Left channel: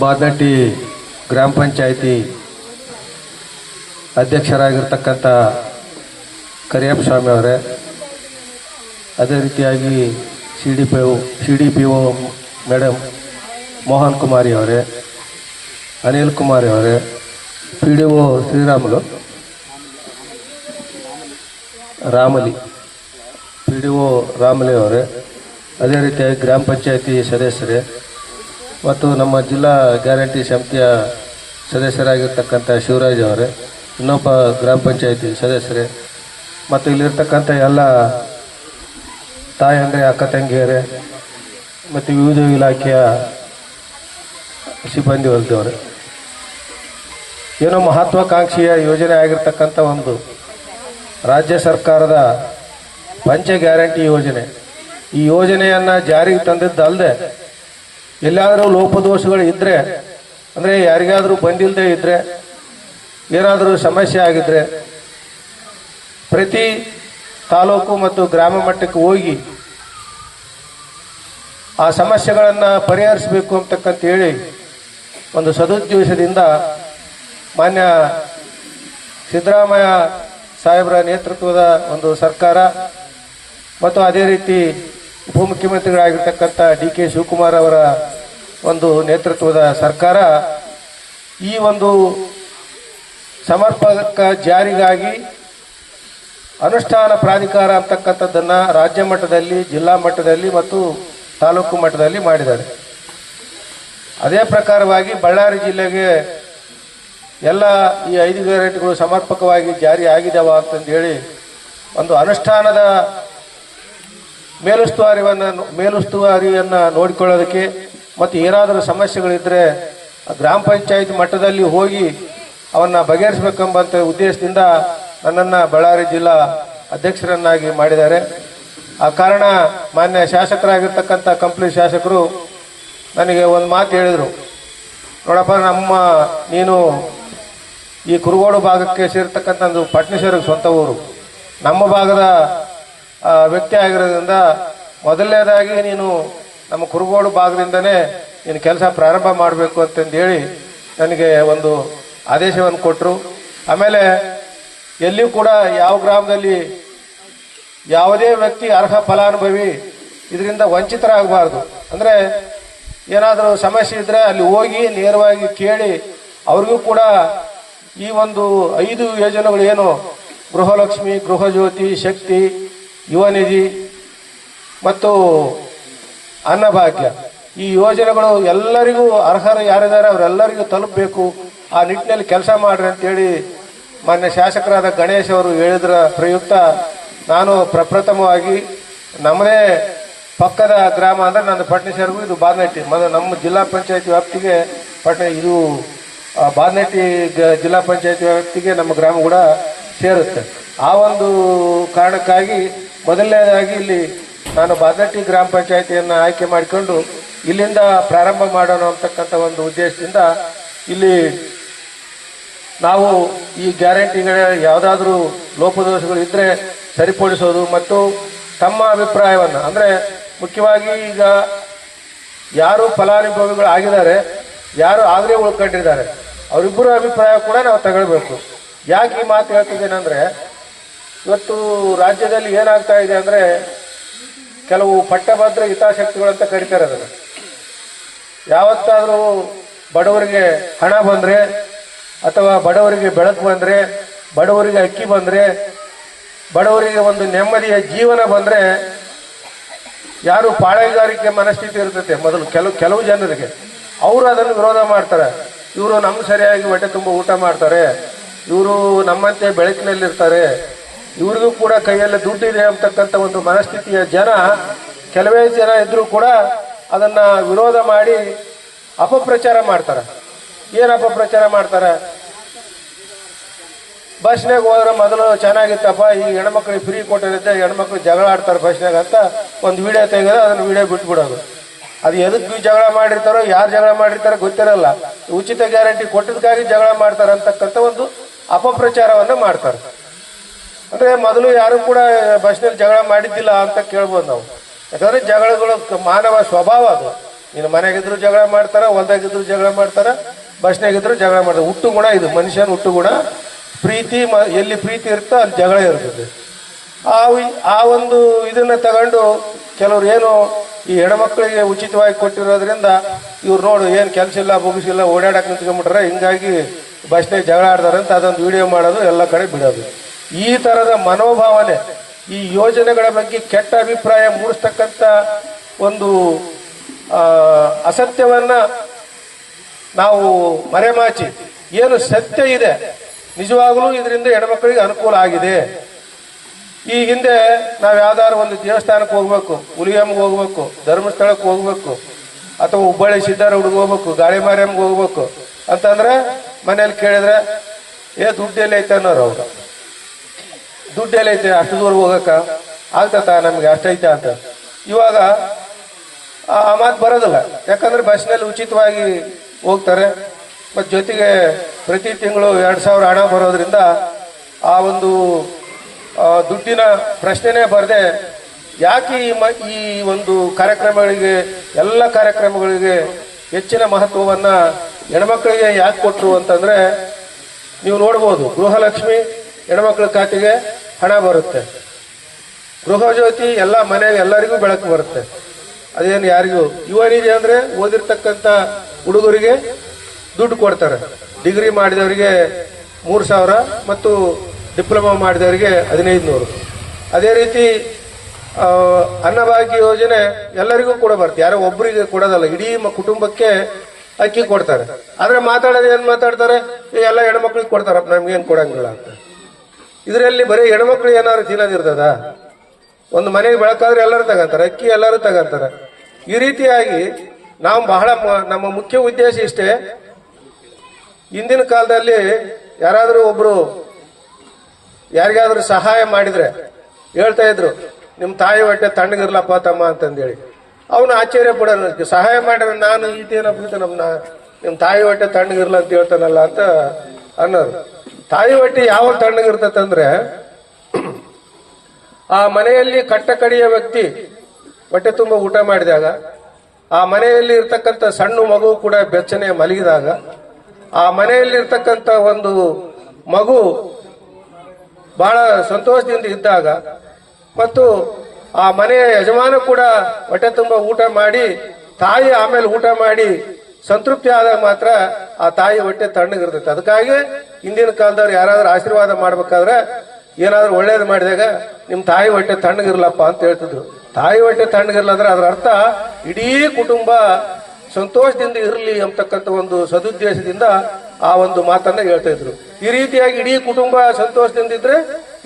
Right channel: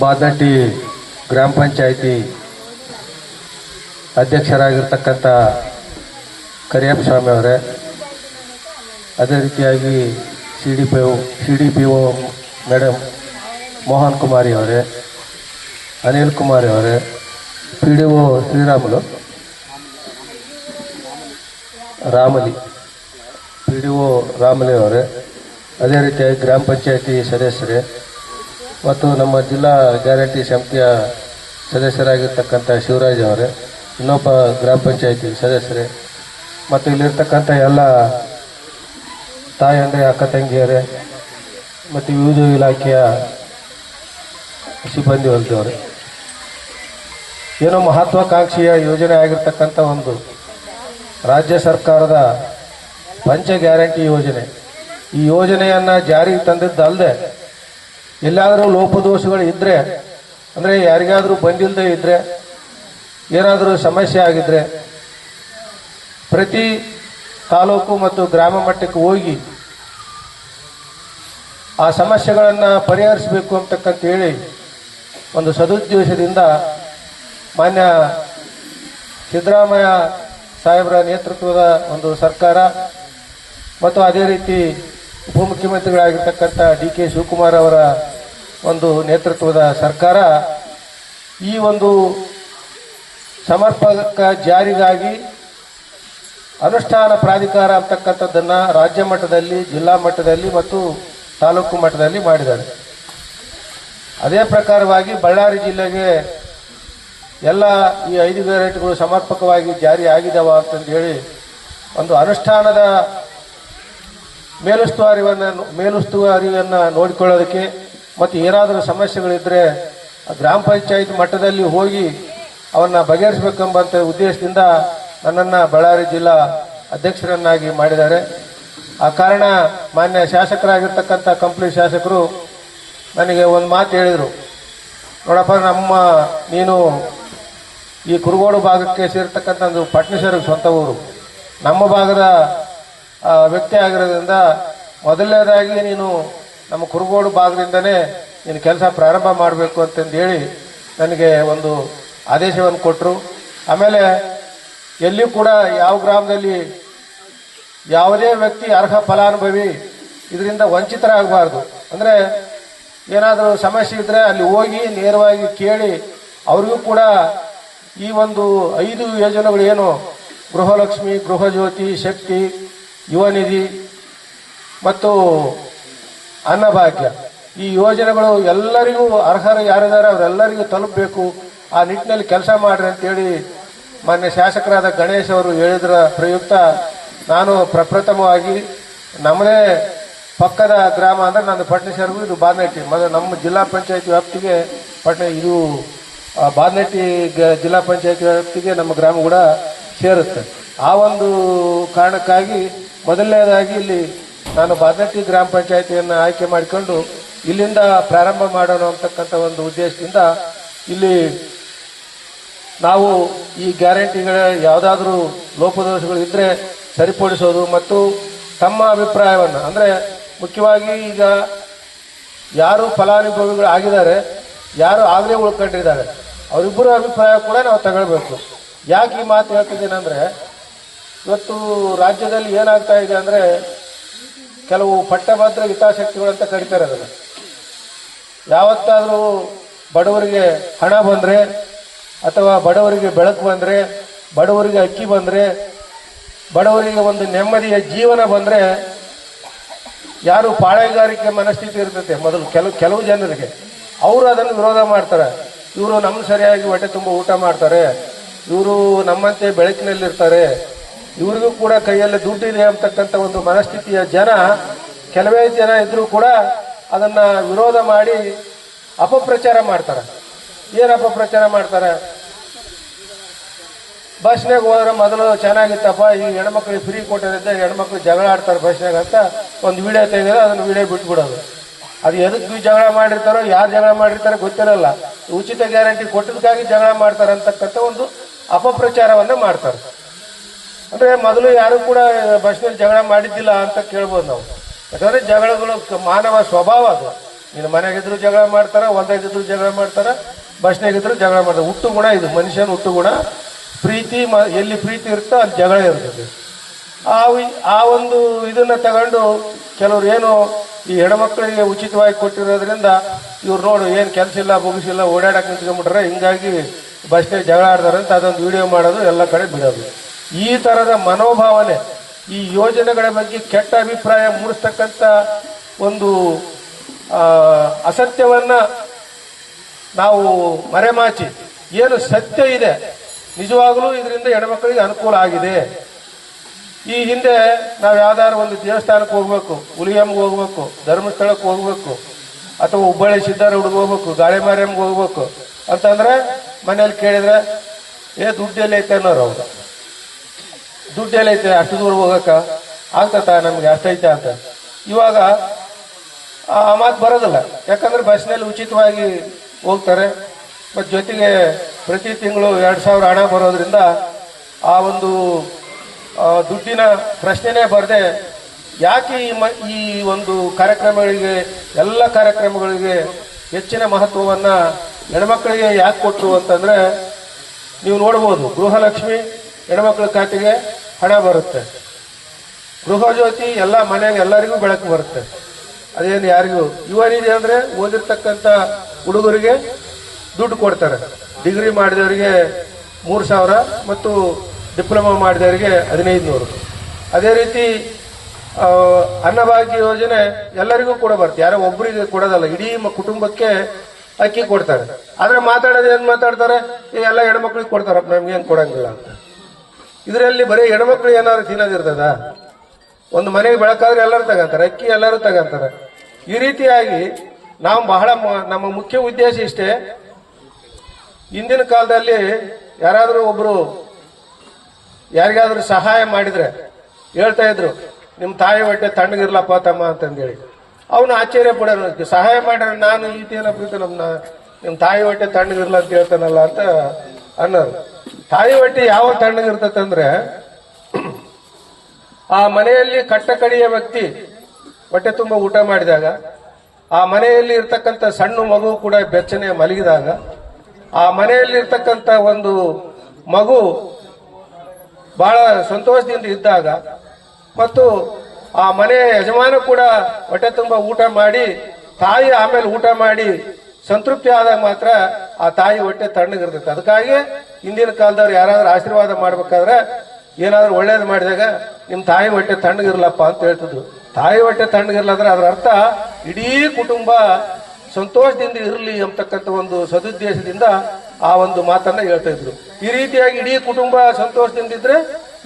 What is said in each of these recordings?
ಬಾದನಟ್ಟಿ ಗ್ರಾಮ ಪಂಚಾಯಿತಿ ಅಧ್ಯಕ್ಷರಾಗಿರ್ತಕ್ಕಂಥ ಕರಿಯಪ್ಪ ಸ್ವಾಮಿ ಅವರೇ, ಅದೇ ರೀತಿಯಾಗಿ C D P O madam Mohan Kumari ಅವರೇ, ಅನಿಲ್ ಕುಮಾರಿ ಅವರೇ, P D O Sriramulu Ramali P D O Ramali ಅವರೇ, ಅದೇ ರೀತಿಯಾಗಿ ಗ್ರಾಮ ಪಂಚಾಯಿತಿ ಸದಸ್ಯರೇ ಮತ್ತು ನಮ್ಮ ಜಿಲ್ಲಾ ಗ್ಯಾರಂಟಿ ಸಮಿತಿಯ ಸದಸ್ಯರಾಗಿರ್ತಕ್ಕಂಥ ಶಿವರಾಜ್ ಅವರೇ, ಇನ್ನೊಬ್ಬ ಗ್ರಾಮ ಪಂಚಾಯಿತಿ ಸದಸ್ಯರೇ ಮತ್ತು ಇಲ್ಲಿರ್ತಕ್ಕಂಥ ಎಲ್ಲ ತಾಯಂದ್ರೆ ಅಕ್ಕ ತಂಗಿಯರೇ ಮತ್ತು ವಿವಿಧ ಇಲಾಖೆಯ ಸಿಬ್ಬಂದಿ ವರ್ಗದವರೇ, ಏನೋ ಮಹತ್ವಾಕಾಂಕ್ಷೆಯ ಯೋಜನೆ ಆಗಿರ್ತಕ್ಕಂಥ ಒಂದು ರಾಜ್ಯ ಸರ್ಕಾರದ ಪಂಚ ಗ್ಯಾರಂಟಿ ಯೋಜನೆ. ಈ ಯೋಜನೆಯನ್ನು ಜಾರಿಗೆ ತಂದಿದ್ದಲ್ಲದೆ ಎಲ್ಲಾದರೂ ಲೋಪದೋಷಗಳು ಇದ್ದರೆ, ಅಂದರೆ ಯಾರಿಗಾದರೂ ಬಂದಿಲ್ಲದೆ ಇದ್ದರೆ, ಏನಾದರೂ ಸಮಸ್ಯೆ ಆಗಿದ್ದರೆ ಪ್ರತಿ ತಾಲೂಕು ಮತ್ತು ಗ್ರಾಮ ಮಟ್ಟಕ್ಕೆ ಹೋಗಿ ಆ ಸಮಸ್ಯೆಗಳನ್ನು ಪರಿಹರಿಸಬೇಕು ಅಂತಕ್ಕಂತ ಹೇಳಿ ಒಂದು ಸದುದ್ದೇಶದಿಂದ ಮಾನ್ಯ ಸಿದ್ದರಾಮಯ್ಯ ಸಾಹೇಬರ ನೇತೃತ್ವದ ಒಂದು ಸರ್ಕಾರ ಮತ್ತು ಅದೇ ರೀತಿ ಉಪಮುಖ್ಯಮಂತ್ರಿಗಳಾಗಿರ್ತಕ್ಕಂಥ ಡಿ ಕೆ ಶಿವಕುಮಾರ್ ಅವರ ಒಂದು ನೇತೃತ್ವದ ಸರ್ಕಾರ ಈ ಒಂದು ಸಮರ್ಪಕ ಜಾರಿಗಾಗಿ ಅನುಷ್ಠಾನ ಪ್ರಾಧಿಕಾರ ಅಂತಕ್ಕಂಥದ್ದನ್ನು ರಾಜ್ಯ ಮಟ್ಟದಲ್ಲಿ, ಜಿಲ್ಲಾ ಮಟ್ಟದಲ್ಲಿ ಮತ್ತು ತಾಲೂಕು ಮಟ್ಟದಲ್ಲಿ ಮಾಡಿದ್ದಾರೆ. ಅದೇ ಪ್ರಕಾರವಾಗಿ ಬಳ್ಳಾರಿ ಜಿಲ್ಲೆಗೆ ಎಲ್ಲ ಈ 5 ಗ್ಯಾರಂಟಿಗಳು ಸಮರ್ಪಕವಾಗಿ ಜಾರಿ ಆಗಿದ್ದಾವ ಅಂತಂದೇಳಿ ಒಂದು ಅನುಷ್ಠಾನದ ಮೇಲುಸ್ತುವಾರಿಯನ್ನು ನೋಡಿಕೊಳ್ಳೋದಕ್ಕೆ ಮತ್ತು ಏನಾದರೂ ಸಮಸ್ಯೆಗಳಿದ್ದರೆ ಗ್ರಾಮ ಪಂಚಾಯತ್ ಮಟ್ಟದಲ್ಲಿ ಹೋಗಿ ಅವನ್ನ ಬಗೆಹರಿಸಬೇಕೆಂಬಂಥ ಉದ್ದೇಶದಿಂದ ನನ್ನನ್ನು ಬಳ್ಳಾರಿ ಜಿಲ್ಲಾ ಅಧ್ಯಕ್ಷರನ್ನಾಗಿ ಮಾಡಿದ್ದಾರೆ. ಆ ಕಾರಣ ಮಾನ್ಯ ಶಾಸಕರಾಗಿರ್ತಕ್ಕಂಥ ಕಂಪ್ಲಿ ಶಾಸಕರು ನನಗೆ ಒಂದು ಮಾತು ಹೇಳಿದರು, ನೋಡಪ್ಪ, ನೀನು ಈ ಕುರುಗೋಡು ಭಾಗಕ್ಕೆ ಸೇರ್ತಕ್ಕಂಥ ಪಟ್ನೇಶ್ವರಿಗೆ ಸ್ವಂತ ಊರು, ನಮ್ಮ ಭಾಗದ ವ್ಯಕ್ತಿ ಆಗಿರೋದ್ರಿಂದ ಮೊದಲನೇದಾಗಿ ನೀನು ನಮ್ಮ ಕುರುಗೋಡು ಭಾಗದಿಂದನೇ ನೀನು ಕೆಲಸ ಪ್ರಾರಂಭ ಮಾಡಬೇಕು ಅಂತಂದೇಳಿ ನನಗೆ ಒಂದು ಆದೇಶವನ್ನು ಕೊಟ್ಟರು. ಆಮೇಲೆ ಎಲ್ಲಿಯೂ ಕೂಡ ಯಾವ ಗ್ರಾಮದಲ್ಲಿ ಯಾವುದೇ ವ್ಯಕ್ತಿ ಅರ್ಹ ಫಲಾನುಭವಿ ಇದರಿಂದ ವಂಚಿತರಾಗಬಾರ್ದು. ಅಂದರೆ ಏನಾದರೂ ಸಮಸ್ಯೆ ಇದ್ದರೆ ಅಲ್ಲಿ ಹೋಗಿ ನೇರವಾಗಿ ಕೇಳಿ ಅವ್ರಿಗೂ ಕೂಡ ಈ ಒಂದು 5 ಯೋಜನೆಗಳು ಏನು ಗೃಹಲಕ್ಷ್ಮಿ, ಗೃಹಜ್ಯೋತಿ, ಶಕ್ತಿ, ಯುವ ನಿಧಿ ಮತ್ತು ಅನ್ನಭಾಗ್ಯ, ಈ ಯೋಜನೆಗಳು ಎಲ್ಲರಿಗೂ ಅರ್ಹರು ಯಾರಿದ್ದಾರೆ ಅವರೆಲ್ಲರಿಗೂ ತಲುಪಬೇಕು, ಆ ನಿಟ್ಟಿನಲ್ಲಿ ಕೆಲಸ ಮಾಡ್ರಿ ಅಂತೇಳಿ ಮಾನ್ಯ ಶಾಸಕರಾದ ಗಣೇಶ್ ಅವರು ಹೇಳಿದ್ರ ಪ್ರಯುಕ್ತ ನಾನು ಪ್ರಪ್ರಥಮವಾಗಿ ನಮ್ಮದೇ ಪಕ್ಕದ ಗ್ರಾಮ ಅಂದರೆ ನನ್ನ ಪಟ್ನೇಶ್ವರಗೂ ಇದು ಬಾದನಟ್ಟಿ, ನಮ್ಮ ಜಿಲ್ಲಾ ಪಂಚಾಯತಿ ವ್ಯಾಪ್ತಿಗೆ ಇದು ಬಾದನಟ್ಟಿ ಜಿಲ್ಲಾ ಪಂಚಾಯತಿ ವ್ಯಾಪ್ತಿಗೆ ನಮ್ಮ ಗ್ರಾಮ ಕೂಡ ಸೇರುತ್ತೆ. ಆ ಒಂದು ಕಾರಣಕ್ಕಾಗಿ ಮೊದಲನೇದಾಗಿ ಇಲ್ಲಿ ನಾನು ಬಾದನಟ್ಟಿ ಗ್ರಾಮ ಪಂಚಾಯತಿಯನ್ನು ಆಯ್ಕೆ ಮಾಡಿಕೊಂಡು ಇಲ್ಲಿಂದ ಪ್ರಾರಂಭ ಮಾಡೋಣ ಅಂತಕ್ಕಂಥ ಒಂದು ಉದ್ದೇಶದಿಂದ ಇಲ್ಲಿ ನಾವು ಈ ಗ್ಯಾರಂಟಿಗಳ ಯಾವುದಾದ್ರೂ ಲೋಪದೋಷಗಳು ಇದ್ದರೆ ಸರಿಪಡಿಸೋದು ಮತ್ತು ತಮ್ಮ ಅಭಿಪ್ರಾಯವನ್ನು, ಅಂದರೆ ಮುಖ್ಯವಾಗಿ ಈಗ ಯಾರು ಫಲಾನುಭವಿಗಳು ಆಗಿದ್ದಾರೆ, ಯಾರು ಆಗಲೇ ಉಳ್ಕೊಂಡಿದ್ದಾರೆ, ಅವರಿಬ್ಬರ ಅಭಿಪ್ರಾಯ ಕೂಡ ನಾವು ತಗೊಳ್ಬೇಕು. ಯಾಕೆ ಈ ಮಾತು ಹೇಳ್ತಿದ್ದೇನೆ ಅಂದರೆ, ಇವತ್ತು ರಾಜ್ಯದಲ್ಲಿ ಏನಾಗ್ತಾ ಇದೆ ಅಂದರೆ ಕೆಲವು ಪಟ್ಟಭದ್ರ ಹಿತಾಸಕ್ತಿಗಳಂತ ಕರೀತಾರೆ. ಅದನ್ನು ಯಾವತ್ತಾದರೂ ಬಡವರಿಗೆ ಹಣ ಬಂದರೆ ಅಥವಾ ಬಡವರಿಗೆ ಬೆಳಕು ಬಂದರೆ, ಬಡವರಿಗೆ ಅಕ್ಕಿ ಬಂದರೆ, ಬಡವರಿಗೆ ಒಂದು ನೆಮ್ಮದಿಯ ಜೀವನ ಬಂದರೆ ಯಾರು ಪಾಳೆಗಾರಿಕೆ ಮನಸ್ಥಿತಿ ಇರ್ತೈತೆ ಮೊದಲು ಕೆಲವು ಜನರಿಗೆ, ಅವರು ಅದನ್ನು ವಿರೋಧ ಮಾಡ್ತಾರೆ. ಇವರು ನಮ್ಮ ಸರಿಯಾಗಿ ಹೊಟ್ಟೆ ತುಂಬ ಊಟ ಮಾಡ್ತಾರೆ, ಇವರು ನಮ್ಮಂತೆ ಬೆಳಕಿನಲ್ಲಿರ್ತಾರೆ, ಇವ್ರಿಗೂ ಕೂಡ ಕೈಯಲ್ಲಿ ದುಡ್ಡಿದೆ ಅಂತಕ್ಕಂಥ ಒಂದು ಮನಸ್ಥಿತಿಯ ಜನ ಕೆಲವೇ ಜನ ಇದ್ರೂ ಕೂಡ ಅದನ್ನ ವಿರೋಧ ಮಾಡಿ ಅಪಪ್ರಚಾರ ಮಾಡ್ತಾರೆ. ಏನು ಅಪಪ್ರಚಾರ ಮಾಡ್ತಾರೆ? ಬಸ್ನಾಗ ಹೋದ್ರೆ ಮೊದಲು ಚೆನ್ನಾಗಿತ್ತಪ್ಪ, ಈ ಹೆಣ್ಮಕ್ಳಿಗೆ ಫ್ರೀ ಕೊಟ್ಟಿರುತ್ತೆ, ಹೆಣ್ಮಕ್ಳು ಜಗಳ ಆಡ್ತಾರೆ ಬಸ್ನಾಗ ಅಂತ ಒಂದು ವಿಡಿಯೋ ತೆಗೆದ್ರೆ ಅದನ್ನ ವಿಡಿಯೋ ಬಿಟ್ಬಿಡೋದು. ಅದು ಎದಕ್ಕೆ ಜಗಳ ಮಾಡಿರ್ತಾರೋ, ಯಾರು ಜಗಳ ಮಾಡಿರ್ತಾರೋ ಗೊತ್ತಿರಲ್ಲ. ಉಚಿತ ಗ್ಯಾರಂಟಿ ಕೊಟ್ಟದಕ್ಕಾಗಿ ಜಗಳ ಮಾಡ್ತಾರೆ ಅಂತಕ್ಕಂಥ ಒಂದು ಅಪಪ್ರಚಾರವನ್ನ ಮಾಡ್ತಾರೆ. ಅಂದ್ರೆ ಮೊದಲು ಯಾರು ಕೂಡ ಬಸ್ನಲ್ಲಿ ಜಗಳ ಮಾಡಿದ್ದಿಲ್ಲ ಅಂತ ಕೇಳ್ಬೋದು ನಾವು. ಯಾಕಂದ್ರೆ ಜಗಳಗಳು ಮಾನವ ಸ್ವಭಾವ ಅದು. ನೀನು ಮನೆಗಿದ್ರು ಜಗಳ ಮಾಡ್ತಾರ, ಹೊಲ್ದಾಗಿದ್ರು ಜಗಳ ಮಾಡ್ತಾರ, ಬಸ್ನಾಗಿದ್ರು ಜಗಳ ಮಾಡ್ತಾರೆ. ಹುಟ್ಟು ಗುಣ ಇದು, ಮನುಷ್ಯನ ಹುಟ್ಟು ಗುಣ. ಪ್ರೀತಿ ಎಲ್ಲಿ ಪ್ರೀತಿ ಇರುತ್ತೋ ಅಲ್ಲಿ ಜಗಳ ಇರ್ತದೆ. ಆ ಒಂದು ಇದನ್ನ ತಗೊಂಡು ಕೆಲವ್ರು ಏನು ಈ ಹೆಣ್ಮಕ್ಳಿಗೆ ಉಚಿತವಾಗಿ ಕೊಟ್ಟಿರೋದ್ರಿಂದ ಇವ್ರು ನೋಡು ಏನು ಕೆಲಸ ಇಲ್ಲ ಮುಗಿಸಿಲ್ಲ ಓಡಾಡಕ್ಕೆ ನಿಂತ್ಕೊಂಡ್ಬಿಟ್ರೆ, ಹಿಂಗಾಗಿ ಬಸ್ನಾಗ ಜಗಳ ಆಡ್ತಾರೆ ಅಂತ ಅದೊಂದು ವಿಡಿಯೋ ಮಾಡೋದು, ಎಲ್ಲ ಕಡೆ ಬಿಡೋದು. ಈ ಥರದ ಮನೋಭಾವನೆ, ಈ ಯೋಜನೆಗಳ ಬಗ್ಗೆ ಕೆಟ್ಟ ಅಭಿಪ್ರಾಯ ಮೂಡಿಸ್ತಕ್ಕಂಥ ಒಂದು ಅಸತ್ಯವನ್ನ ನಾವು ಮರೆಮಾಚಿ ಏನು ಸತ್ಯ ಇದೆ, ನಿಜವಾಗಲೂ ಇದರಿಂದ ಹೆಣ್ಮಕ್ಳಿಗೆ ಅನುಕೂಲ ಆಗಿದೆ. ಈ ಹಿಂದೆ ನಾವು ಯಾವ್ದಾದ್ರು ಒಂದು ದೇವಸ್ಥಾನಕ್ಕೆ ಹೋಗ್ಬೇಕು, ಹುಲಿಯಮ್ಗೆ ಹೋಗ್ಬೇಕು, ಧರ್ಮಸ್ಥಳಕ್ಕೆ ಹೋಗ್ಬೇಕು, ಅಥವಾ ಹುಬ್ಬಳ್ಳಿ ಸಿದ್ದಾರೂಢಿಗೆ ಹೋಗ್ಬೇಕು, ಗಾಳಿ ಮಾರ್ಯಮ್ಗೆ ಹೋಗ್ಬೇಕು ಅಂತಂದ್ರೆ ಮನೇಲಿ ಕೇಳಿದ್ರೆ ದುಡ್ಡು ಎಲ್ಲ ಐತೆ ಅನ್ನೋರು. ಅವ್ರು ದುಡ್ಡು ಎಲ್ಲ ಐತೆ, ಅಷ್ಟು ದೂರ ಹೋಗಕ್ಕ ಆಗ್ತತ ನಮ್ಗೆ ಅಷ್ಟೈತೆ ಅಂತ. ಇವಾಗ ಆ ಮಾತು ಬರೋದಿಲ್ಲ, ಯಾಕಂದ್ರೆ ಬಸ್ನಲ್ಲಿ ಉಚಿತವಾಗಿ ಹೋಗ್ತಾರೆ. ಮತ್ತು ಜೊತೆಗೆ ಪ್ರತಿ ತಿಂಗಳು 2000 ಹಣ ಬರೋದ್ರಿಂದ ಆ ಒಂದು ದುಡ್ಡಿನ ಪ್ರಶ್ನೆನೇ ಬರದೆ ಯಾಕೆ ಈ ಒಂದು ಕಾರ್ಯಕ್ರಮಗಳಿಗೆ, ಎಲ್ಲ ಕಾರ್ಯಕ್ರಮಗಳಿಗೆ ಹೆಚ್ಚಿನ ಮಹತ್ವವನ್ನು ಹೆಣ್ಮಕ್ಳಿಗೆ ಯಾಕೆ ಕೊಟ್ಟರು ಅಂತಂದ್ರೆ, ನೀವು ನೋಡ್ಬೋದು, ಗೃಹಲಕ್ಷ್ಮಿ ಹೆಣ್ಮಕ್ಳ ಖಾತೆಗೆ ಹಣ ಬರುತ್ತೆ, ಗೃಹ ಜ್ಯೋತಿ ಎಲ್ಲ ಮನೆಗೆ ಎಲ್ಲರಿಗೂ ಬೆಳಕು ಬರುತ್ತೆ. ಅದೇನು ಯಾರಿಗೂ ಯುವ ನಿಧಿ ಅಂದ್ರೆ ಓದಿರ್ತಕ್ಕಂಥ ಹುಡುಗರಿಗೆ ದುಡ್ಡು ಕೊಡ್ತಾರೆ. ಡಿಗ್ರಿ ಮಾಡಿದವರಿಗೆ 3000 ಮತ್ತು ಡಿಪ್ಲೊಮಾ ಮಾಡಿದವರಿಗೆ 1500. ಅದೇ ರೀತಿ ಅನ್ನಭಾಗ್ಯ ಯೋಜನೆ ಎಲ್ಲರಿಗೂ ಕೂಡ ಬರುತ್ತೆ, ಯಾರೋ ಒಬ್ಬರಿಗೆ ಕೊಡೋದಲ್ಲ, ಇಡೀ ಕುಟುಂಬಕ್ಕೆ ಅಕ್ಕಿ ಕೊಡ್ತಾರೆ. ಆದ್ರೆ ಮಾತಾಡೋದು ಏನ್ ಮಾತಾಡ್ತಾರೆ, ಎಲ್ಲ ಹೆಣ್ಮಕ್ಳಿಗೆ ಕೊಡ್ತಾರ, ನಮ್ಗೇನು ಕೊಡಂಗಿಲ್ಲ ಅಂತ. ಇದರಲ್ಲಿ ಬರೀ ಹೆಣ್ಮಕ್ಳು ಏನಾದ್ರು ತಿನ್ನೋದಿರ್ತದ? ಒಂದು ಮನೆಗೆ ಬೆಳಕಾದ್ರೆ ಎಲ್ಲರೂ ತಗಂತಾರೆ, ಅಕ್ಕಿ ಎಲ್ಲರೂ ತಗಂತಾರೆ. ಈ ರೀತಿಯಾಗಿ ನಾವು ಬಹಳ ನಮ್ಮ ಮುಖ್ಯ ಉದ್ದೇಶ ಇಷ್ಟೇ. ಹಿಂದಿನ ಕಾಲದಲ್ಲಿ ಯಾರಾದರೂ ಒಬ್ರು ಯಾರಿಗಾದ್ರೂ ಸಹಾಯ ಮಾಡಿದ್ರೆ ಹೇಳ್ತಾ ಇದ್ರು, ನಿಮ್ಮ ತಾಯಿ ಹೊಟ್ಟೆ ತಣ್ಣಗಿರ್ಲಪ್ಪ ತಮ್ಮ ಅಂತಂದೇಳಿ. ಅವನು ಆಶ್ಚರ್ಯ ಪಡೋನು, ಸಹಾಯ ಮಾಡ್ರೆ ನಾನು ಈತೇನಪ್ಪ ನಿಮ್ಮ ತಾಯಿ ಹೊಟ್ಟೆ ತಣ್ಣಗಿರ್ಲ ಅಂತ ಹೇಳ್ತಾನಲ್ಲ ಅಂತ ಅನ್ನೋರು. ತಾಯಿ ಹೊಟ್ಟೆ ಯಾವ ತಣ್ಣಗಿರ್ತಂದ್ರೆ, ಆ ಮನೆಯಲ್ಲಿ ಕಟ್ಟ ಕಡಿಯ ವ್ಯಕ್ತಿ ಹೊಟ್ಟೆ ತುಂಬ ಊಟ ಮಾಡಿದಾಗ, ಆ ಮನೆಯಲ್ಲಿ ಇರ್ತಕ್ಕಂಥ ಸಣ್ಣ ಮಗು ಕೂಡ ಬೆಚ್ಚನೆ ಮಲಗಿದಾಗ, ಆ ಮನೆಯಲ್ಲಿ ಇರ್ತಕ್ಕಂಥ ಒಂದು ಮಗು ಬಹಳ ಸಂತೋಷದಿಂದ ಇದ್ದಾಗ, ಮತ್ತು ಆ ಮನೆಯ ಯಜಮಾನ ಕೂಡ ಹೊಟ್ಟೆ ತುಂಬ ಊಟ ಮಾಡಿ, ತಾಯಿ ಆಮೇಲೆ ಊಟ ಮಾಡಿ ಸಂತೃಪ್ತಿ ಆದಾಗ ಮಾತ್ರ ಆ ತಾಯಿ ಹೊಟ್ಟೆ ತಣ್ಣಗಿರ್ತೈತೆ. ಅದಕ್ಕಾಗಿ ಹಿಂದಿನ ಕಾಲದವ್ರು ಯಾರಾದ್ರೂ ಆಶೀರ್ವಾದ ಮಾಡ್ಬೇಕಾದ್ರೆ ಏನಾದ್ರು ಒಳ್ಳೇದು ಮಾಡಿದಾಗ ನಿಮ್ಮ ತಾಯಿ ಹೊಟ್ಟೆ ತಣ್ಣಗಿರ್ಲಪ್ಪ ಅಂತ ಹೇಳ್ತಿದ್ರು. ತಾಯಿ ಹೊಟ್ಟೆ ತಣ್ಣಗಿರ್ಲ ಅಂದ್ರೆ ಅದರ ಅರ್ಥ ಇಡೀ ಕುಟುಂಬ ಸಂತೋಷದಿಂದ ಇರಲಿ ಅಂತಕ್ಕಂಥ ಒಂದು ಸದುದ್ದೇಶದಿಂದ ಆ ಒಂದು ಮಾತನ್ನ ಹೇಳ್ತಾ ಇದ್ರು. ಈ ರೀತಿಯಾಗಿ ಇಡೀ ಕುಟುಂಬ ಸಂತೋಷದಿಂದ ಇದ್ರೆ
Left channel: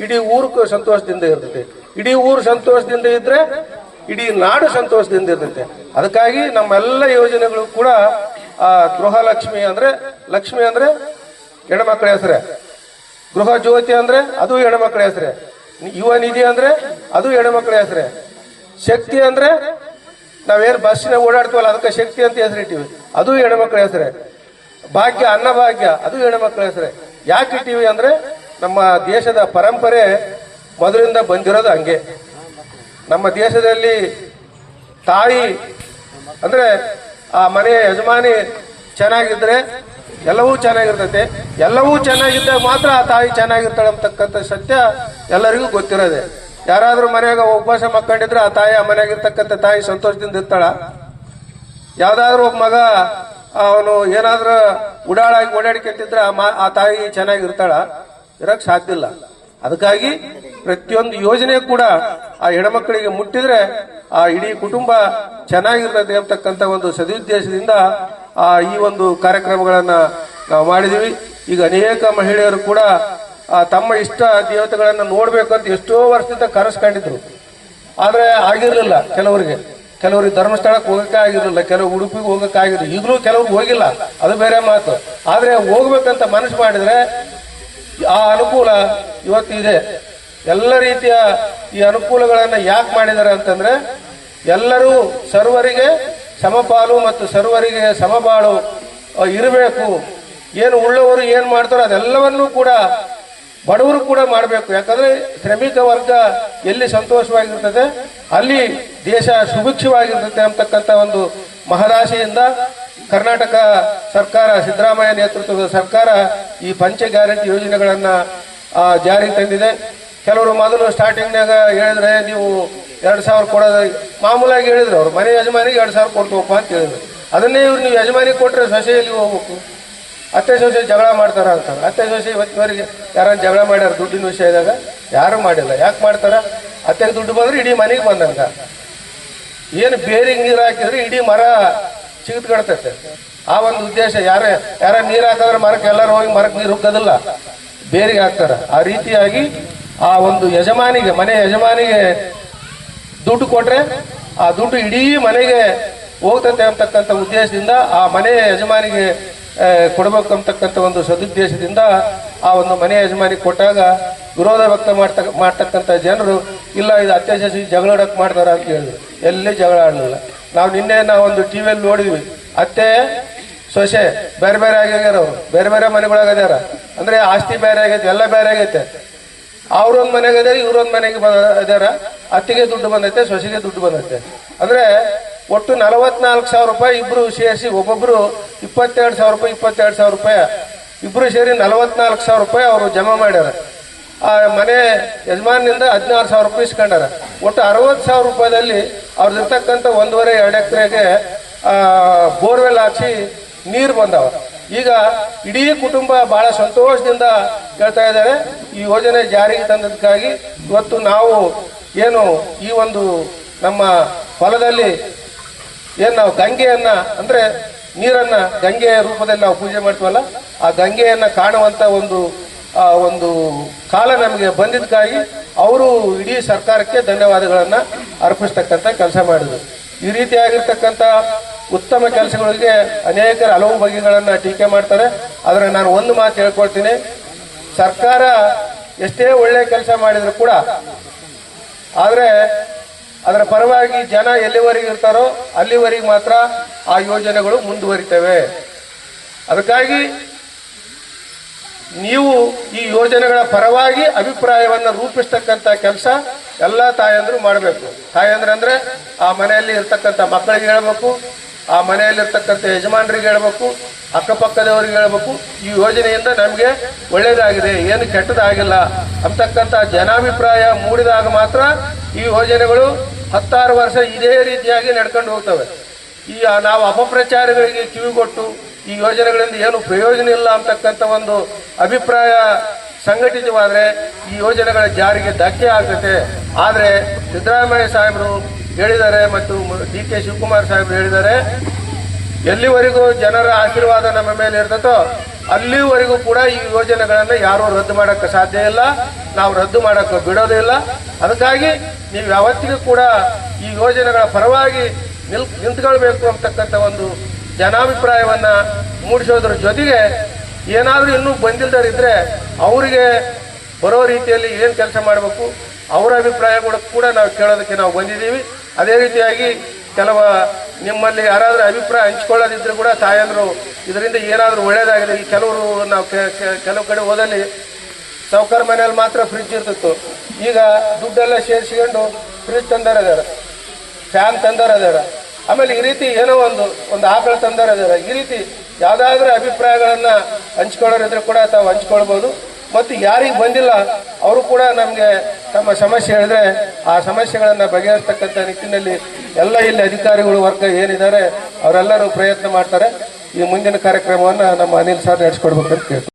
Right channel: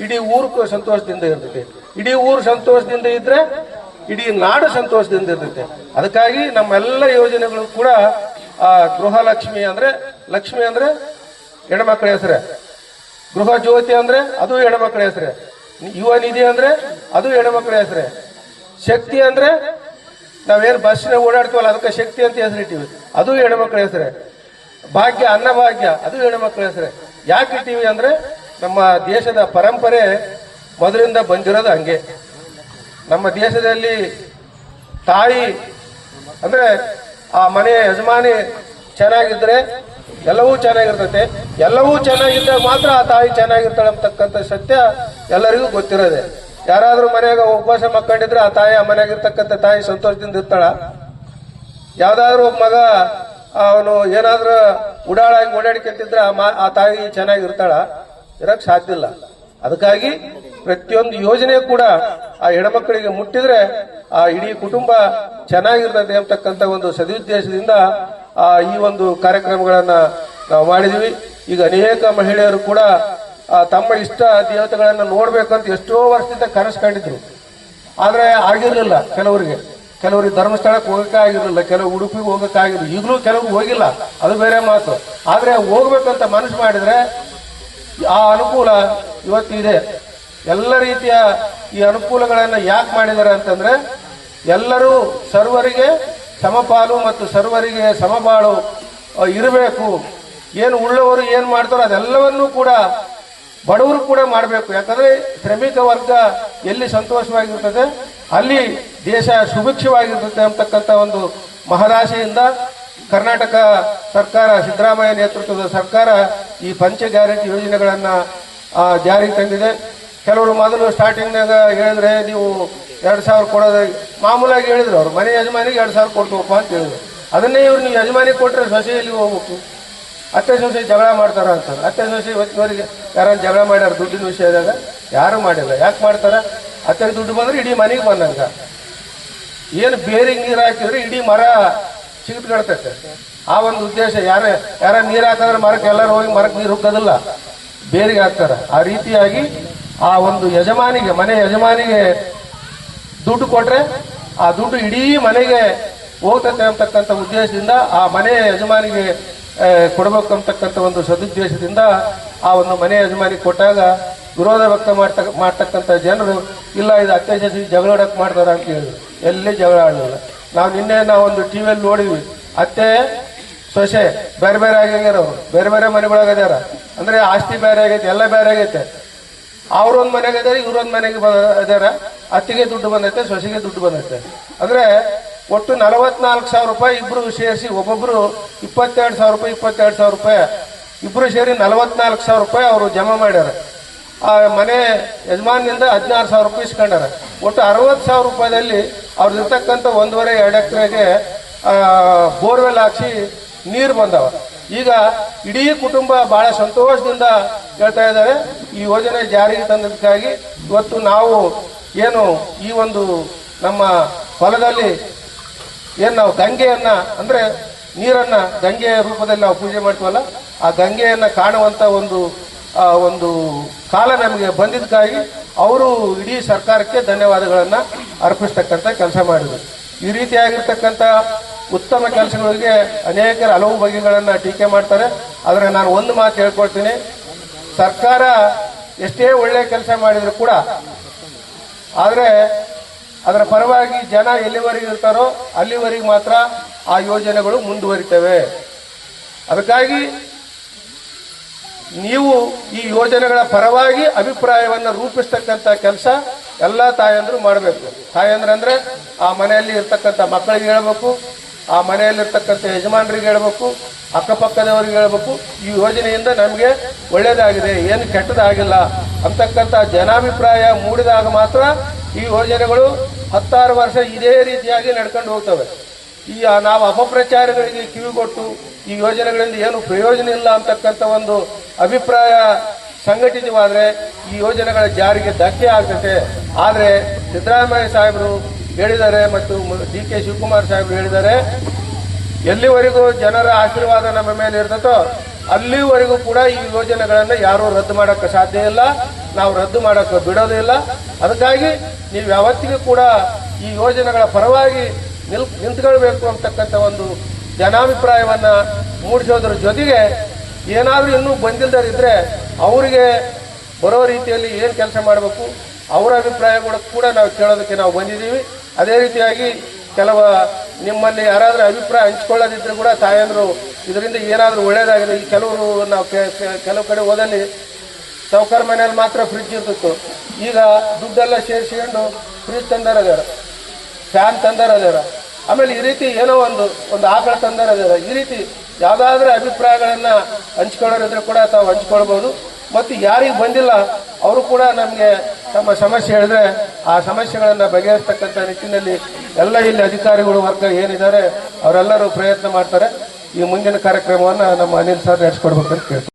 ಇಡೀ ಊರು ಸಂತೋಷದಿಂದ ಇರ್ತೈತೆ, ಇಡೀ ಊರು ಸಂತೋಷದಿಂದ ಇದ್ರೆ ಇಡೀ ನಾಡು ಸಂತೋಷದಿಂದ ಇರ್ತೈತೆ. ಅದಕ್ಕಾಗಿ ನಮ್ಮೆಲ್ಲ ಯೋಜನೆಗಳು ಕೂಡ ಆ ಗೃಹಲಕ್ಷ್ಮಿ ಅಂದ್ರೆ, ಲಕ್ಷ್ಮಿ ಅಂದ್ರೆ ಹೆಣ್ಮಕ್ಳ ಹೆಸರೇ, ಗೃಹ ಜ್ಯೋತಿ ಅಂದ್ರೆ ಅದು ಹೆಣ್ಮಕ್ಳ ಹೆಸರೇ, ಯುವ ನಿಧಿ ಅಂದ್ರೆ ಅದು ಹೆಣ್ಮಕ್ಳ ಹೆಸರೇ, ಶಕ್ತಿ ಅಂದ್ರೆ ನಾವೇನು ಬಸ್ಸಿನ ಓಡಾಡ್ತೀವಲ್ಲ ಅದಕ್ಕೆ ಶಕ್ತಿ ಅಂತ ಹೆಸರಿಟ್ಟಿವಿ, ಅದು ಹೆಣ್ಮಕ್ಳ ಹೆಸರೇ, ಭಾಗ್ಯ ಅನ್ನಭಾಗ್ಯ ಅದು ಹೆಣ್ಮಕ್ಳ ಹೆಸರೇ. ಯಾಕೆ ಇಟ್ಟಿವಿ ಅಂದ್ರೆ ನಮ್ಮ ದೇಶದ ಪರಂಪರೆ ಮೊದಲಿಂದ ಬಂದಿರೋದು ಹಂಗೆ. ನಮ್ಮ ದೇಶದಲ್ಲಿ ತಾಯಿ ಅಂದ್ರೆ ಆ ಮನೆಯ ಯಜಮಾನಿ ಚೆನ್ನಾಗಿದ್ರೆ ಎಲ್ಲವೂ ಚೆನ್ನಾಗಿರ್ತೈತೆ, ಎಲ್ಲವೂ ಚೆನ್ನಾಗಿದ್ದಾಗ ಮಾತ್ರ ಆ ತಾಯಿ ಚೆನ್ನಾಗಿರ್ತಾಳೆ ಅಂತಕ್ಕಂಥ ಸತ್ಯ ಎಲ್ಲರಿಗೂ ಗೊತ್ತಿರೋದೆ. ಯಾರಾದ್ರೂ ಮನೆಯಾಗ ಉಪವಾಸ ಮಕ್ಕಂಡಿದ್ರೆ ಆ ತಾಯಿ, ಆ ಮನೆಯಾಗಿರ್ತಕ್ಕಂಥ ತಾಯಿ ಸಂತೋಷದಿಂದ ಇರ್ತಾಳ? ಯಾವ್ದಾದ್ರು ಒಬ್ಬ ಮಗ ಅವನು ಏನಾದ್ರೂ ಉಡಾಳಾಗಿ ಓಡಾಡಿಕೆಂತಿದ್ರೆ ಆ ತಾಯಿ ಚೆನ್ನಾಗಿರ್ತಾಳ? ಇರಕ್ ಸಾಧ್ಯ ಇಲ್ಲ. ಅದಕ್ಕಾಗಿ ಪ್ರತಿಯೊಂದು ಯೋಜನೆ ಕೂಡ ಆ ಹೆಣ್ಮಕ್ಳಿಗೆ ಮುಟ್ಟಿದ್ರೆ ಆ ಇಡೀ ಕುಟುಂಬ ಚೆನ್ನಾಗಿರ್ತದೆ ಅಂತಕ್ಕಂಥ ಒಂದು ಸದುದ್ದೇಶದಿಂದ ಈ ಒಂದು ಕಾರ್ಯಕ್ರಮಗಳನ್ನ ನಾವು ಮಾಡಿದೀವಿ. ಈಗ ಅನೇಕ ಮಹಿಳೆಯರು ಕೂಡ ತಮ್ಮ ಇಷ್ಟ ದೇವತೆಗಳನ್ನ ನೋಡ್ಬೇಕಂತ ಎಷ್ಟೋ ವರ್ಷದಿಂದ ಕನಸು ಕಂಡಿದ್ರು, ಆದ್ರೆ ಆಗಿರ್ಲಿಲ್ಲ. ಕೆಲವರಿಗೆ ಧರ್ಮಸ್ಥಳಕ್ಕೆ ಹೋಗಕ್ಕೆ ಆಗಿರ್ಲಿಲ್ಲ, ಕೆಲವು ಉಡುಪಿಗೆ ಹೋಗಕ್ಕೆ ಆಗಿರ್ಲಿಲ್ಲ, ಈಗಲೂ ಕೆಲವ್ರು ಹೋಗಿಲ್ಲ, ಅದು ಬೇರೆ ಮಾತು. ಆದ್ರೆ ಹೋಗ್ಬೇಕಂತ ಮನಸ್ಸು ಮಾಡಿದ್ರೆ ಆ ಅನುಕೂಲ ಇವತ್ತಿದೆ. ಎಲ್ಲ ರೀತಿಯ ಈ ಅನುಕೂಲಗಳನ್ನ ಯಾಕೆ ಮಾಡಿದ್ದಾರೆ ಅಂತಂದ್ರೆ, ಎಲ್ಲರೂ ಸರ್ವರಿಗೆ ಸಮಪಾಲು ಮತ್ತು ಸರ್ವರಿಗೆ ಸಮಬಾಳು ಇರಬೇಕು. ಏನು ಉಳ್ಳವರು ಏನು ಮಾಡ್ತಾರೋ ಅದೆಲ್ಲವನ್ನೂ ಕೂಡ ಬಡವರು ಕೂಡ ಮಾಡಬೇಕು. ಯಾಕಂದ್ರೆ ಶ್ರಮಿಕ ವರ್ಗ ಎಲ್ಲಿ ಸಂತೋಷವಾಗಿರ್ತದೆ ಅಲ್ಲಿ ದೇಶ ಸುಭಿಕ್ಷವಾಗಿರ್ತದೆ ಅಂತಕ್ಕಂಥ ಒಂದು ಮಹದಾಸೆಯಿಂದ ಕರ್ನಾಟಕ ಸರ್ಕಾರ, ಸಿದ್ದರಾಮಯ್ಯ ನೇತೃತ್ವದ ಸರ್ಕಾರ ಈ ಪಂಚ ಗ್ಯಾರಂಟಿ ಯೋಜನೆಗಳನ್ನ ಜಾರಿಗೆ ತಂದಿದೆ. ಕೆಲವರು ಮೊದಲು ಸ್ಟಾರ್ಟಿಂಗ್ನಾಗ ಹೇಳಿದ್ರೆ ನೀವು 2,000 ಕೊಡೋದು ಮಾಮೂಲಾಗಿ ಹೇಳಿದ್ರು, ಅವ್ರು ಮನೆ ಯಜಮಾನಿಗೆ 2,000 ಕೊಡ್ತೀವಪ್ಪ ಅಂತ ಹೇಳಿದ್ರು. ಅದನ್ನೇ ಇವ್ರು ನೀವು ಯಜಮಾನಿಗೆ ಕೊಟ್ಟರೆ ಸೊಸೆಯಲ್ಲಿ ಹೋಗ್ಬೇಕು, ಅತ್ತೆ ಸೊಸೆ ಜಗಳ ಮಾಡ್ತಾರ ಅಂತ. ಅತ್ತೆ ಸೊಸೆ ಇವತ್ತಿನವರೆಗೆ ಯಾರನ್ನ ಜಗಳ ಮಾಡ್ಯಾರ ದುಡ್ಡಿನ ವಿಷಯದಾಗ? ಯಾರು ಮಾಡಿಲ್ಲ. ಯಾಕೆ ಮಾಡ್ತಾರ? ಅತ್ತೆಗೆ ದುಡ್ಡು ಬಂದ್ರೆ ಇಡೀ ಮನೆಗೆ ಬಂದಂಗ. ಏನು ಬೇರಿಗೆ ನೀರು ಹಾಕಿದ್ರೆ ಇಡೀ ಮರ ಚಿಗಿತ್ಕೊಳ್ತೈತೆ. ಆ ಒಂದು ಉದ್ದೇಶ. ಯಾರ ನೀರು ಹಾಕಿದ್ರೆ ಮರಕ್ಕೆ ಎಲ್ಲರೂ ಹೋಗಿ ಮರಕ್ಕೆ ನೀರು ಹುಕ್ಕೋದಿಲ್ಲ, ಬೇರಿಗೆ ಹಾಕ್ತಾರ. ಆ ರೀತಿಯಾಗಿ ಆ ಒಂದು ಯಜಮಾನಿಗೆ, ಮನೆ ಯಜಮಾನಿಗೆ ದುಡ್ಡು ಕೊಟ್ರೆ ಆ ದುಡ್ಡು ಇಡೀ ಮನೆಗೆ ಹೋಗ್ತೈತೆ ಅಂತಕ್ಕಂಥ ಉದ್ದೇಶದಿಂದ ಆ ಮನೆ ಯಜಮಾನಿಗೆ ಕೊಡಬೇಕು ಅಂತಕ್ಕಂಥ ಒಂದು ಸದುದ್ದೇಶದಿಂದ ಆ ಒಂದು ಮನೆ ಯಜಮಾನಿಗೆ ಕೊಟ್ಟಾಗ ವಿರೋಧ ವ್ಯಕ್ತ ಮಾಡ್ತಕ್ಕಂಥ ಜನರು ಇಲ್ಲ ಇದು ಅತ್ತೆ ಸೊಸೆ ಜಗಳಾಡಕ್ಕೆ ಮಾಡ್ತಾರ ಅಂತ ಹೇಳಿದ್ರು. ಎಲ್ಲಿ ಜಗಳ ಆಡಲಿಲ್ಲ. ನಾವು ಒಂದು ಟಿವಿಯಲ್ಲಿ ನೋಡಿದ್ವಿ, ಅತ್ತೆ ಸೊಸೆ ಬೇರೆ ಬೇರೆ ಆಗ್ಯಾರ, ಅವರು ಬೇರೆ ಬೇರೆ ಮನೆಗಳಾಗ್ಯಾರ. ಅಂದ್ರೆ ಆಸ್ತಿ ಬೇರೆ ಆಗೈತೆ, ಎಲ್ಲ ಬೇರೆ ಆಗೈತೆ. ಅವ್ರೊಂದ್ ಮನೆಗೆ ಇದಾರೆ, ಇವ್ರೊಂದ್ ಮನೆಗೆ ಇದಾರ. ಅತ್ತಿಗೆ ದುಡ್ಡು ಬಂದೈತೆ, ಸೊಸೆಗೆ ದುಡ್ಡು ಬಂದೈತೆ. ಅಂದ್ರೆ ಒಟ್ಟು 44,000 ರೂಪಾಯಿ ಇಬ್ರು ಸೇರಿಸಿ, ಒಬ್ಬೊಬ್ರು 22,000 ರೂಪಾಯಿ 22,000 ರೂಪಾಯಿ ಇಬ್ರು ಸೇರಿ 44,000 ರೂಪಾಯಿ ಅವರು ಜಮಾ ಮಾಡ್ಯಾರ. ಆ ಮನೆ ಯಜಮಾನಿಂದ 16,000 ರೂಪಾಯಿ ಇಸ್ಕೊಂಡಾರ. ಒಟ್ಟು 60,000 ರೂಪಾಯಿದಲ್ಲಿ ಅವ್ರದ್ದಿರ್ತಕ್ಕಂಥ 1.5-2 ಎಕರೆಗೆ ಬೋರ್ವೆಲ್ ಹಾಕಿ ನೀರು ಬಂದವ. ಈಗ ಇಡೀ ಕುಟುಂಬ ಬಹಳ ಸಂತೋಷದಿಂದ ಹೇಳ್ತಾ ಇದ್ದಾರೆ. ಈ ಯೋಜನೆ ಜಾರಿಗೆ ತಂದದಕ್ಕಾಗಿ ಇವತ್ತು ನಾವು ಏನು ಈ ಒಂದು ನಮ್ಮ ಹೊಲದಲ್ಲಿ ಏನು ನಾವು ಗಂಗೆಯನ್ನ, ಅಂದ್ರೆ ನೀರನ್ನ ಗಂಗೆಯ ರೂಪದಲ್ಲಿ ನಾವು ಪೂಜೆ ಮಾಡ್ತೀವಲ್ಲ, ಆ ಗಂಗೆಯನ್ನ ಕಾಣುವಂತ ಒಂದು ಕಾಲ ನಮಗೆ ಬಂದಿದ್ದಕ್ಕಾಗಿ ಅವರು ಇಡೀ ಸರ್ಕಾರಕ್ಕೆ ಧನ್ಯವಾದಗಳನ್ನ ಅರ್ಪಿಸ್ತಕ್ಕಂಥ ಕೆಲಸ ಮಾಡಿದರು. ಈ ರೀತಿಯಾಗಿರ್ತಕ್ಕಂಥ ಉತ್ತಮ ಕೆಲಸಗಳಿಗೆ ಅನೇಕರು ಹಲವು ಬಗೆಗಳನ್ನ ಟೀಕೆ ಮಾಡ್ತಾರೆ. ಆದರೆ ನಾನು ಒಂದು ಮಾತು ಹೇಳ್ಕೊಳ್ತೀನಿ, ಸರ್ಕಾರ ಎಷ್ಟೇ ಒಳ್ಳೆ ಕೆಲಸ ಮಾಡಿದ್ರು ಕೂಡ ಆದರೆ ಅದರ ಪರವಾಗಿ ಜನ ಎಲ್ಲಿವರೆಗೆ ಇರ್ತಾರೋ ಅಲ್ಲಿವರೆಗೆ ಮಾತ್ರ ಆ ಯೋಜನೆಗಳು ಮುಂದುವರಿತವೆ. ಅದಕ್ಕಾಗಿ ನೀವು ಈ ಯೋಜನೆಗಳ ಪರವಾಗಿ ಅಭಿಪ್ರಾಯವನ್ನು ರೂಪಿಸ್ತಕ್ಕಂಥ ಕೆಲಸ ಎಲ್ಲ ತಾಯಂದ್ರು ಮಾಡಬೇಕು. ತಾಯಂದ್ರೆ ಅಂದ್ರೆ ಆ ಮನೆಯಲ್ಲಿ ಇರ್ತಕ್ಕಂಥ ಮಕ್ಕಳಿಗೆ ಹೇಳಬೇಕು, ಆ ಮನೆಯಲ್ಲಿರ್ತಕ್ಕಂಥ ಯಜಮಾನರಿಗೆ ಹೇಳಬೇಕು, ಅಕ್ಕಪಕ್ಕದವರಿಗೆ ಹೇಳಬೇಕು, ಈ ಯೋಜನೆಯಿಂದ ನಮಗೆ ಒಳ್ಳೇದಾಗಿದೆ, ಏನು ಕೆಟ್ಟದಾಗಿಲ್ಲ ಅಂತಕ್ಕಂಥ ಜನಾಭಿಪ್ರಾಯ ಮೂಡಿದಾಗ ಮಾತ್ರ ಈ ಯೋಜನೆಗಳು 16 ವರ್ಷ ಇದೇ ರೀತಿಯಾಗಿ ನಡ್ಕೊಂಡು ಹೋಗ್ತವೆ. ಈ ನಾವು ಅಪಪ್ರಚಾರಗಳಿಗೆ ಕಿವಿಗೊಟ್ಟು ಈ ಯೋಜನೆಗಳಿಂದ ಏನು ಪ್ರಯೋಜನ ಇಲ್ಲ ಅಂತಕ್ಕಂಥ ಒಂದು ಅಭಿಪ್ರಾಯ ಸಂಘಟಿತವಾದರೆ ಈ ಯೋಜನೆಗಳ ಜಾರಿಗೆ ಧಕ್ಕೆ ಆಗ್ತದೆ. ಆದರೆ ಸಿದ್ದರಾಮಯ್ಯ ಸಾಹೇಬರು ಹೇಳಿದ್ದಾರೆ ಮತ್ತು DK ಶಿವಕುಮಾರ್ ಸಾಹೇಬರು ಹೇಳಿದ್ದಾರೆ, ಎಲ್ಲಿವರೆಗೂ ಜನರ ಆಶೀರ್ವಾದ ನಮ್ಮ ಮೇಲೆ ಇರ್ತದೋ ಅಲ್ಲಿವರೆಗೂ ಕೂಡ ಈ ಯೋಜನೆಗಳನ್ನು ಯಾರೂ ರದ್ದು ಮಾಡಕ್ಕೆ ಸಾಧ್ಯ ಇಲ್ಲ, ನಾವು ರದ್ದು ಮಾಡಕ್ಕೆ ಬಿಡೋದಿಲ್ಲ. ಅದಕ್ಕಾಗಿ ನೀವು ಯಾವತ್ತಿಗೂ ಕೂಡ ಈ ಯೋಜನೆಗಳ ಪರವಾಗಿ ನಿಂತ್ಕೊಳ್ಬೇಕು ಅಂತಕ್ಕಂಥ ಒಂದು ಜನಾಭಿಪ್ರಾಯವನ್ನ ಮೂಡಿಸೋದ್ರ ಜೊತೆಗೆ ಏನಾದರೂ ಇನ್ನೂ ಬಂದಿಲ್ಲದರಿದ್ರೆ ಅವರಿಗೆ ಬರೋ ರೀತಿಯಲ್ಲಿ ಏನು ಕೆಲಸ ಮಾಡಬೇಕು ಅವರ ಅಭಿಪ್ರಾಯಗಳು ಕೂಡ ನಾವು ಕೇಳೋದಕ್ಕೆ ನಾವು ಬಂದಿದ್ದೀವಿ. ಅದೇ ರೀತಿಯಾಗಿ ನಿಮ್ಮಲ್ಲಿ ಯಾರಾದರೂ ಅಭಿಪ್ರಾಯ ಹಂಚ್ಕೊಳ್ಳೋದಿದ್ರು ಕೂಡ ತಾಯಂದ್ರು ಇದರಿಂದ ಏನಾದರೂ ಒಳ್ಳೇದಾಗಿದೆ. ಈ ಕೆಲವರು ನಾವು ಕೆಲವು ಕಡೆ ಹೋದಲ್ಲಿ ಸಾವುಕಾರ ಮನೆಯಲ್ಲಿ ಮಾತ್ರ ಫ್ರಿಡ್ಜ್ ಇರ್ತಿತ್ತು, ಈಗ ದುಡ್ಡೆಲ್ಲ ಸೇರಿಸಿಕೊಂಡು ಫ್ರಿಡ್ಜ್ ತಂದಾರ, ಫ್ಯಾನ್ ತಂದಾರ, ಆಮೇಲೆ ಈ ರೀತಿ ಏನೋ ಒಂದು ಆಕಳ ತಂದಾರ. ಈ ರೀತಿ ಯಾವುದಾದ್ರೂ ಅಭಿಪ್ರಾಯಗಳನ್ನ ಹಂಚ್ಕೊಳ್ಳೋರಿದ್ರೆ ಕೂಡ ತಾವು ಹಂಚ್ಕೊಳ್ಬಹುದು. ಮತ್ತು ಯಾರಿಗೆ ಬಂದಿಲ್ಲ ಅವರು ಕೂಡ ನಮಗೆ ತಮ್ಮ ಸಮಸ್ಯೆ ಹೇಳಿದ್ರೆ ಆ ಸಮಸ್ಯೆಗಳನ್ನು ಬಗೆಹರಿಸ್ತಕ್ಕಂಥ ನಿಟ್ಟಿನಲ್ಲಿ ಎಲ್ಲ ಇಲ್ಲಿ ಅಧಿಕಾರಿಗಳು ವರ್ಗ ಏನಿದ್ದಾರೆ ಅವರೆಲ್ಲರೂ ಪ್ರಯತ್ನ ಮಾಡ್ತಾರೆ. ಈ ಮುಂದಿನ ಕಾರ್ಯಕ್ರಮವನ್ನು ನಮ್ಮ ಅನಿಲ್ ಸರ್ ನಡೆಸ್ಕೊಡ್ಬೇಕಂತ ಕೇಳ್ತಾರೆ.